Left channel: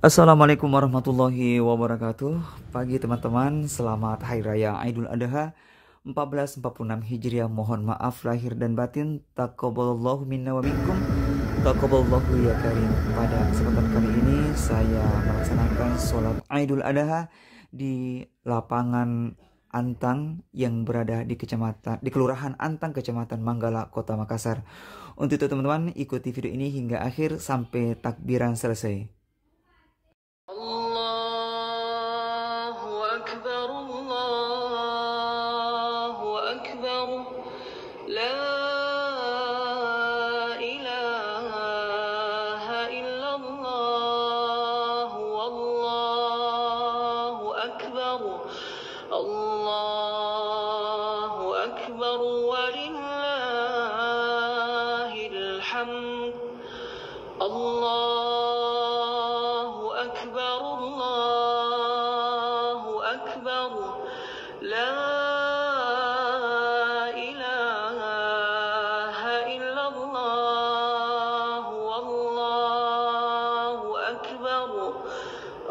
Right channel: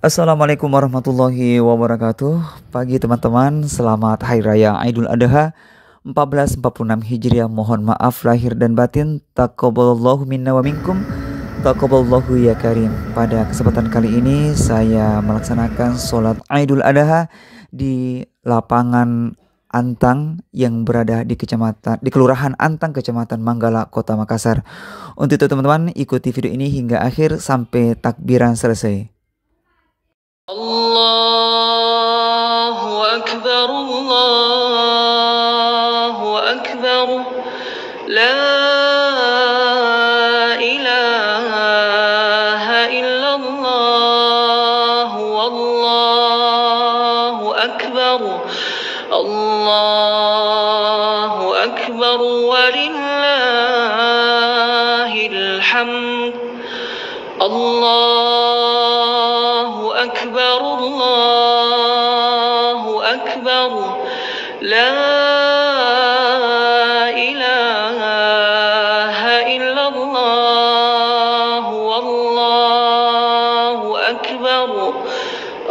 Assalamualaikum warahmatullahi wabarakatuh. Pagi teman-teman, selamat Hari Raya Aidul Adha 1446 Hijriah. Mohon maaf lahir dan batin. Taqabbalallahu minna wa minkum. Taqabbalallahu ya karim. Pada kesempatan kali ini saya melaksanakan sholat Aidul Adha di lapangan Antang yang berada di Kelurahan Antang, Kecamatan Manggala, Kota Makassar. Untuk itu teman-teman, ikuti video ini hingga akhir sampai takbiran selesai. Allahu Akbar, Allahu Akbar, la ilaha illallah, wallahu akbar, Allahu akbar, walillahil hamd. Allahu akbar, Allahu akbar, la ilaha illallah, wallahu akbar,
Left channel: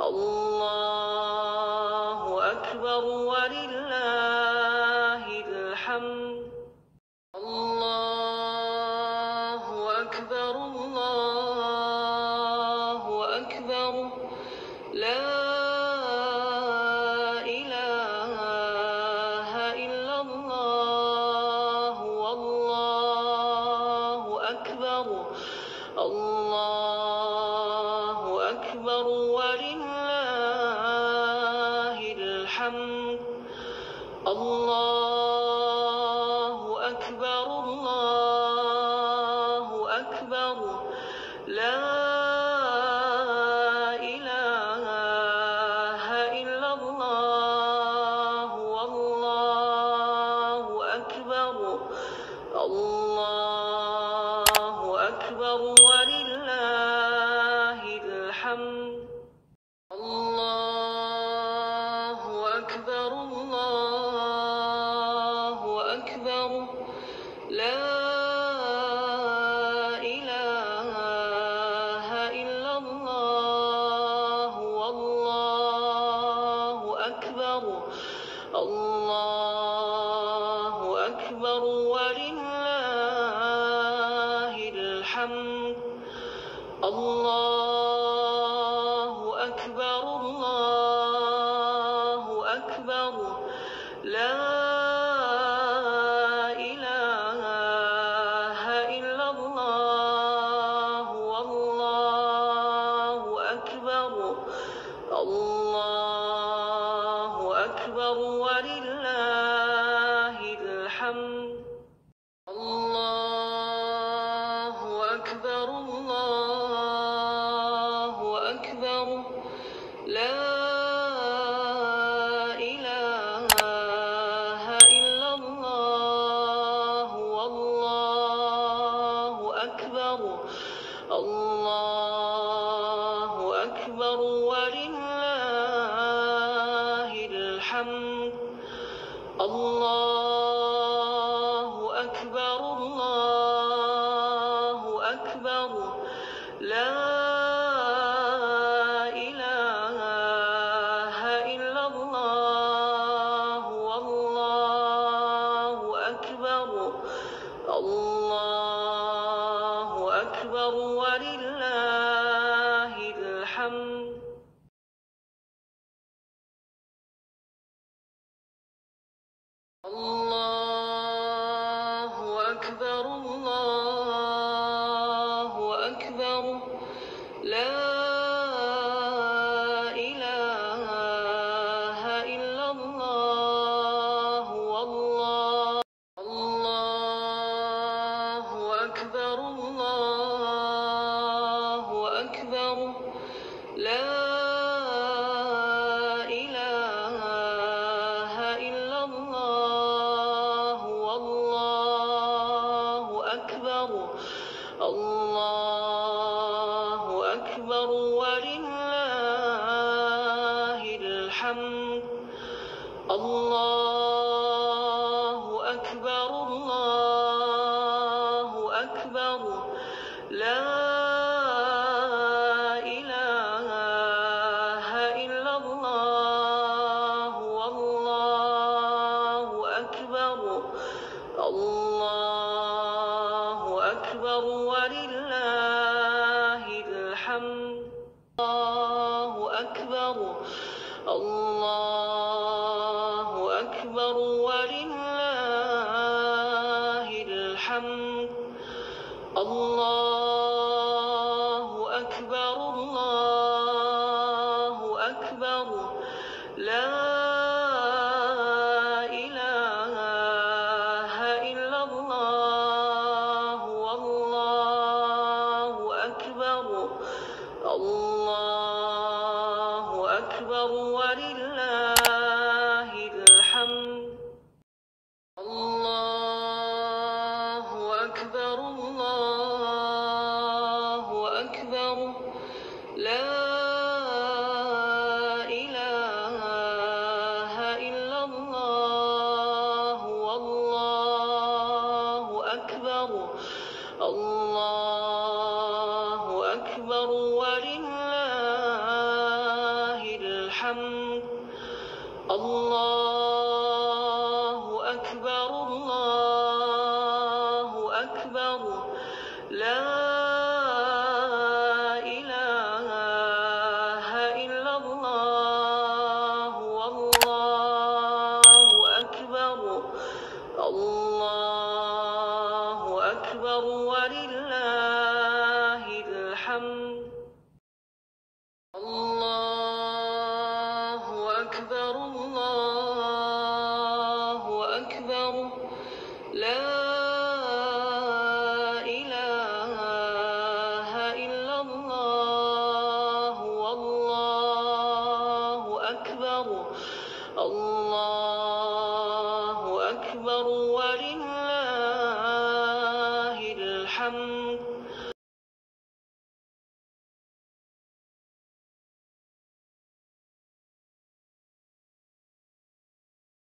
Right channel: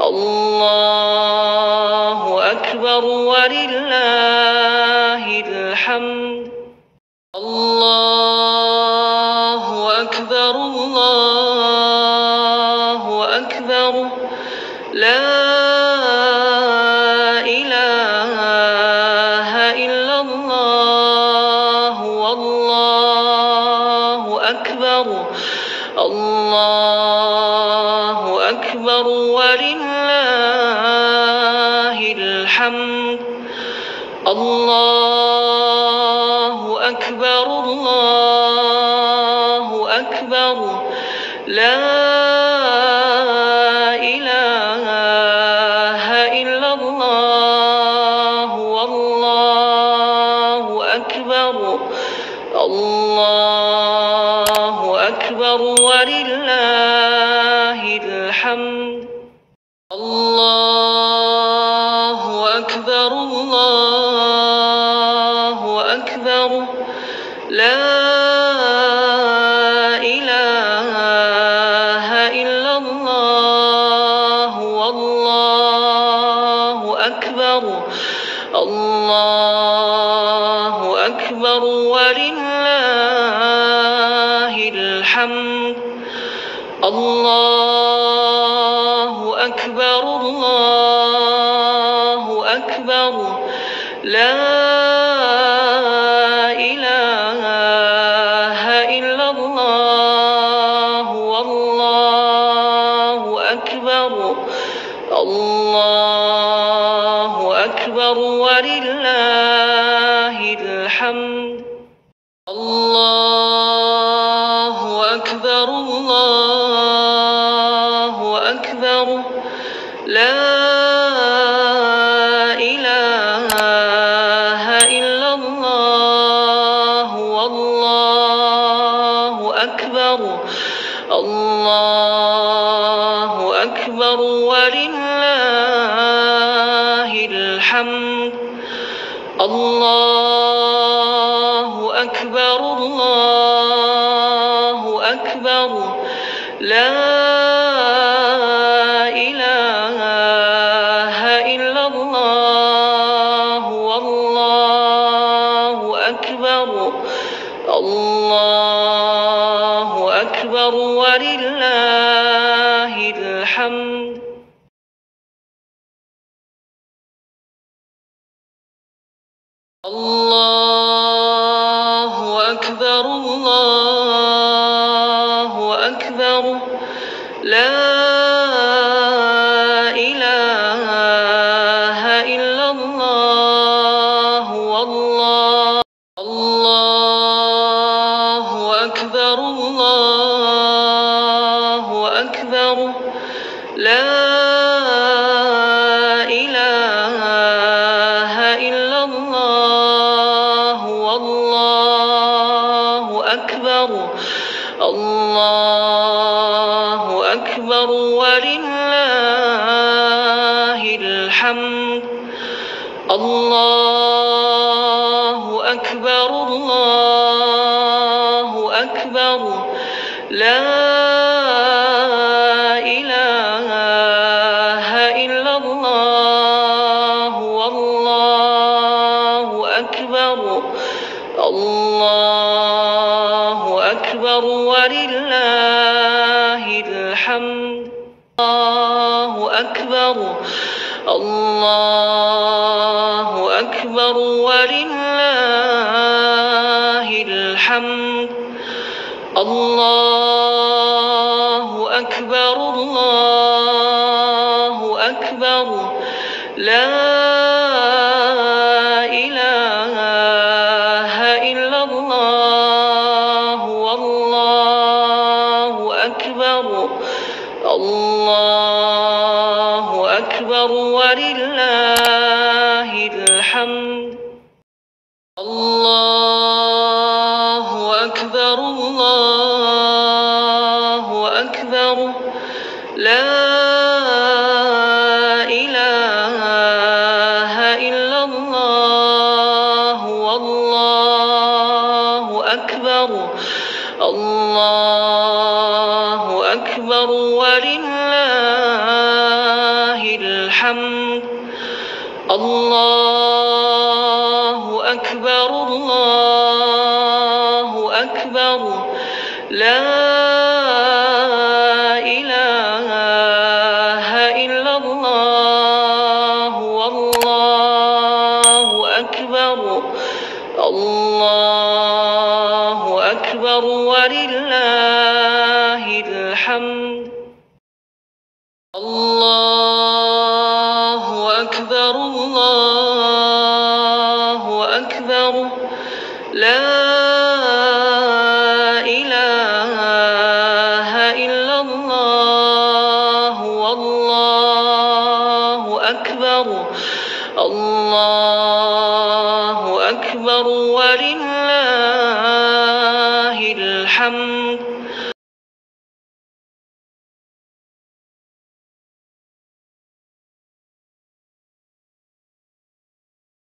Allahu akbar, walillahil hamd. Allahu akbar, Allahu akbar, la ilaha illallah, wallahu akbar, Allahu akbar, walillahil hamd. Allahu akbar, Allahu akbar, la ilaha illallah, wallahu akbar, Allahu akbar, walillahil hamd. Allahu akbar, Allahu akbar, la ilaha illallah, wallahu akbar, Allahu akbar, walillahil hamd. Allahu akbar, Allahu akbar, la ilaha illallah, wallahu akbar, Allahu akbar, walillahil hamd. Allahu akbar, Allahu akbar, la ilaha illallah, wallahu akbar, Allahu akbar, walillahil hamd. Allahu akbar, Allahu akbar, la ilaha illallah, wallahu akbar, Allahu akbar, walillahil hamd. Allahu akbar, Allahu akbar, la ilaha illallah, wallahu Allahu akbar, Allahu akbar, la ilaha illallah, wallahu akbar, Allahu akbar, walillahil hamd. Allahu akbar, Allahu akbar, la ilaha الله أكبر ولله الحمد. الله أكبر. الله أكبر ولله الحمد. الله أكبر. الله أكبر. لا إله إلا الله والله أكبر. الله أكبر ولله الحمد. الله أكبر. الله أكبر. لا إله إلا الله والله أكبر. الله أكبر ولله الحمد. الله أكبر. الله أكبر. لا إله إلا الله والله أكبر. الله أكبر ولله الحمد. الله أكبر. الله أكبر. لا إله إلا الله والله أكبر. الله أكبر ولله الحمد.